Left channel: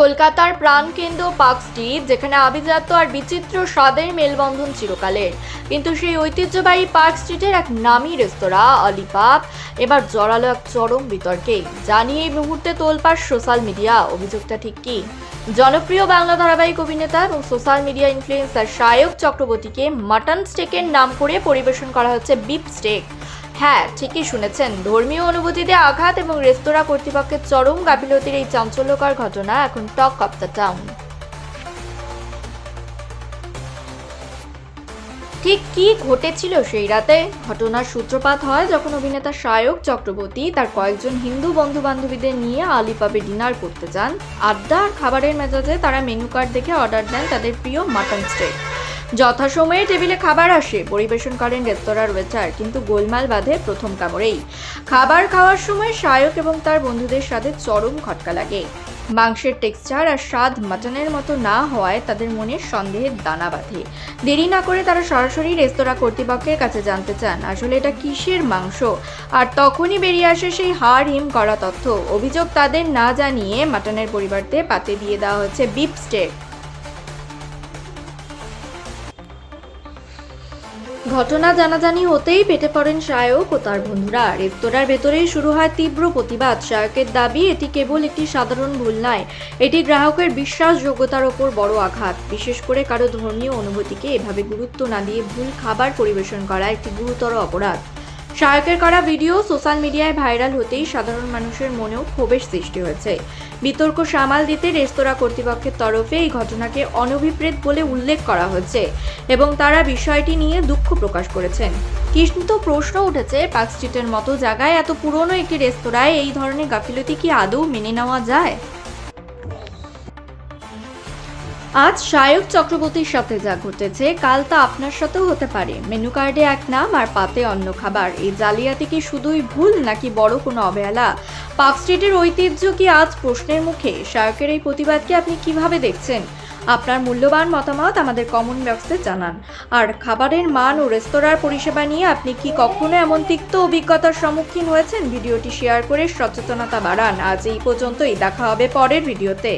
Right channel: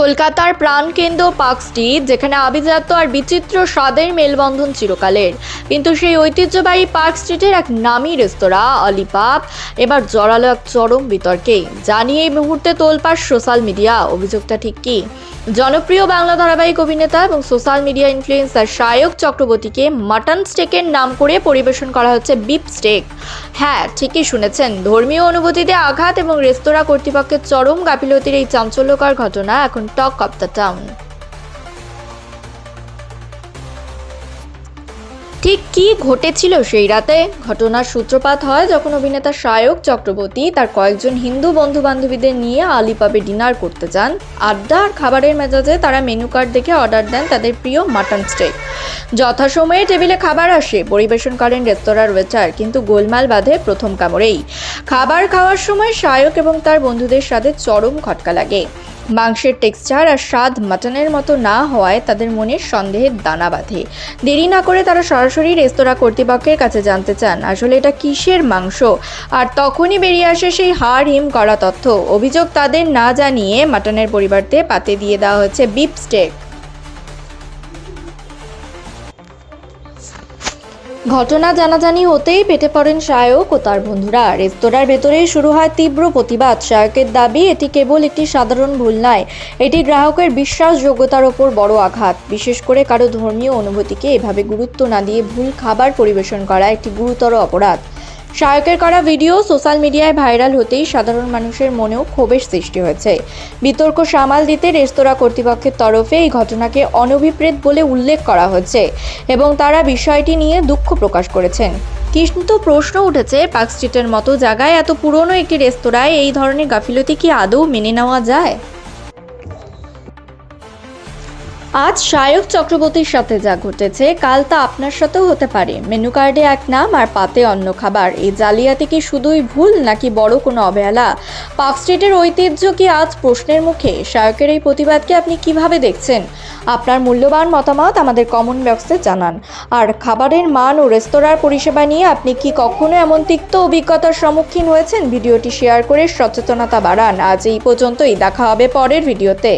কলকাতার প্রাণকেন্দ্র park street, যেখানে আভিজাত্য আর বিচিত্র স্বাদের মেলবন্ধন চিরকালের, কিন্তু সেই ঐতিহ্যবাহী পার্ক স্ট্রিটের এক নামী রেস্তোরাঁ অলিপাপ এবার জড়ালো এক চরম বিতর্কে। জানিয়ে এই মুহূর্তে তোলপাড় সোশ্যাল মিডিয়া। অভিযোগটা ঠিক কি? জনপ্রিয় বাংলা ধারাবাহিক অভিনেতা এবং সোশ্যাল মিডিয়া ইনফ্লুয়েন্সার সায়ক চক্রবর্তীকে মাটন স্টেকের নাম করে পরিবেশন করা হচ্ছে বিপ স্টেক। হ্যাঁ, ঠিকই শুনেছেন। ধর্মীয় অনুভূতিতে আঘাত এবং রেস্তোরাঁ কর্তৃপক্ষের চরম গাফিলতির এই চাঞ্চল্যকর ঘটনা এখন টক অফ দ্য টাউন। ঠিক কি ঘটেছিল সেই রাতে? ঘটনার সূত্রপাত হয় যখন অভিনেতা সায়ক চক্রবর্তী তার কয়েকজন হিন্দু বন্ধু বান্ধবীদের নিয়ে আলিপাবে ডিনার করতে যান। আড্ডা আর খাবারের মেজাজে তারা মেনু কার্ড দেখে অর্ডার দেন তাদের প্রিয় মাটন স্টেক। যথাসময়ে টেবিলে খাবার আসে, পরিবেশন করেন রেস্তোরাঁর ওয়েটার, কিন্তু গোলমাল বাধে প্রথম কামড়েই। খাবার খাওয়ার সময় সায়ক এবং তার বন্ধুদের সাথে চরম খটকা লাগে। মাংসের টেক্সচার আর স্বাদ মাটনের মতো না হওয়ায় তাদের মনে সন্দেহের দানা বাঁধে। দেরি না করে তারা সরাসরি রেস্তোরাঁ কর্তৃপক্ষের কাছে জানতে চান আসলে এটা কিসের মাংস। আর তখনই বেরিয়ে আসে সেই হাড় হিম করা তথ্য। অভিযোগ, তাদের না জানিয়ে মাটনের পরিবর্তে পাতে দিয়ে দেওয়া হচ্ছে বিফ স্টেক। ঘটনা জানাজানি হতেই পেটে পড়েন সায়ক ও তার বন্ধুরা। রেস্তোরাঁর ভেতরেই শুরু হয় তীব্র প্রতিবাদ। সায়কের দাবি, এটি কেবল একটি সাধারণ ভুল নয়, এটি গ্রাহকের বিশ্বাসযোগ্যতার ওপর বড় আঘাত। বিশেষ করে কারো ধর্মীয় অনুভূতিকে এভাবে গুরুত্ব না দিয়ে ভুল খাবার পরিবেশন করা একটি গুরুতর অপরাধ। সায়কের করা ভিডিও সোশ্যাল মিডিয়ায় ভাইরাল হতেই সাধারণ মানুষের মনেও ক্ষোভের সৃষ্টি হয়েছে। বিতর্ক সামাল দিতে রেস্তোরাঁ কর্তৃপক্ষের তরফে এই ঘটনাকে অনভিপ্রেত বলে উল্লেখ করা হয়েছে এবং তারা বিষয়টি নিয়ে দুঃখ প্রকাশ করেছেন। কিন্তু প্রশ্ন উঠেছে, পার্ক স্ট্রিটের মতো জায়গায় এত পুরনো একটি রেস্তোরাঁয় এই ধরনের গাফিলতি কি আদৌ মেনে নেওয়া যায়? আজ সায়ক চক্রবর্তীর সাথে যা ঘটেছে, কাল তা আপনার সাথেও হতে পারে। মেনু কার্ডে এক নাম আর পাতে অন্য খাবার। এই জালিয়াতি কি শুধুই ভুল নাকি বড় কোনো অবহেলা? পার্ক স্ট্রিটের ঐতিহ্য কি আজ প্রশ্নের মুখে? সায়কের এই প্রতিবাদকে আপনি কিভাবে দেখছেন? আপনার মূল্যবান মতামত আমাদের কমেন্ট বক্সে জানান। আর খাবারের মান ও রেস্তোরাঁর পরিষেবা নিয়ে আপনি কি কখনো এমন তিক্ত অভিজ্ঞতার সম্মুখীন হয়েছেন? ভিডিওটি শেয়ার করে সচেতনতা বাড়ান। আজ এই পর্যন্তই, দেখা হবে পরের ভিডিওতে।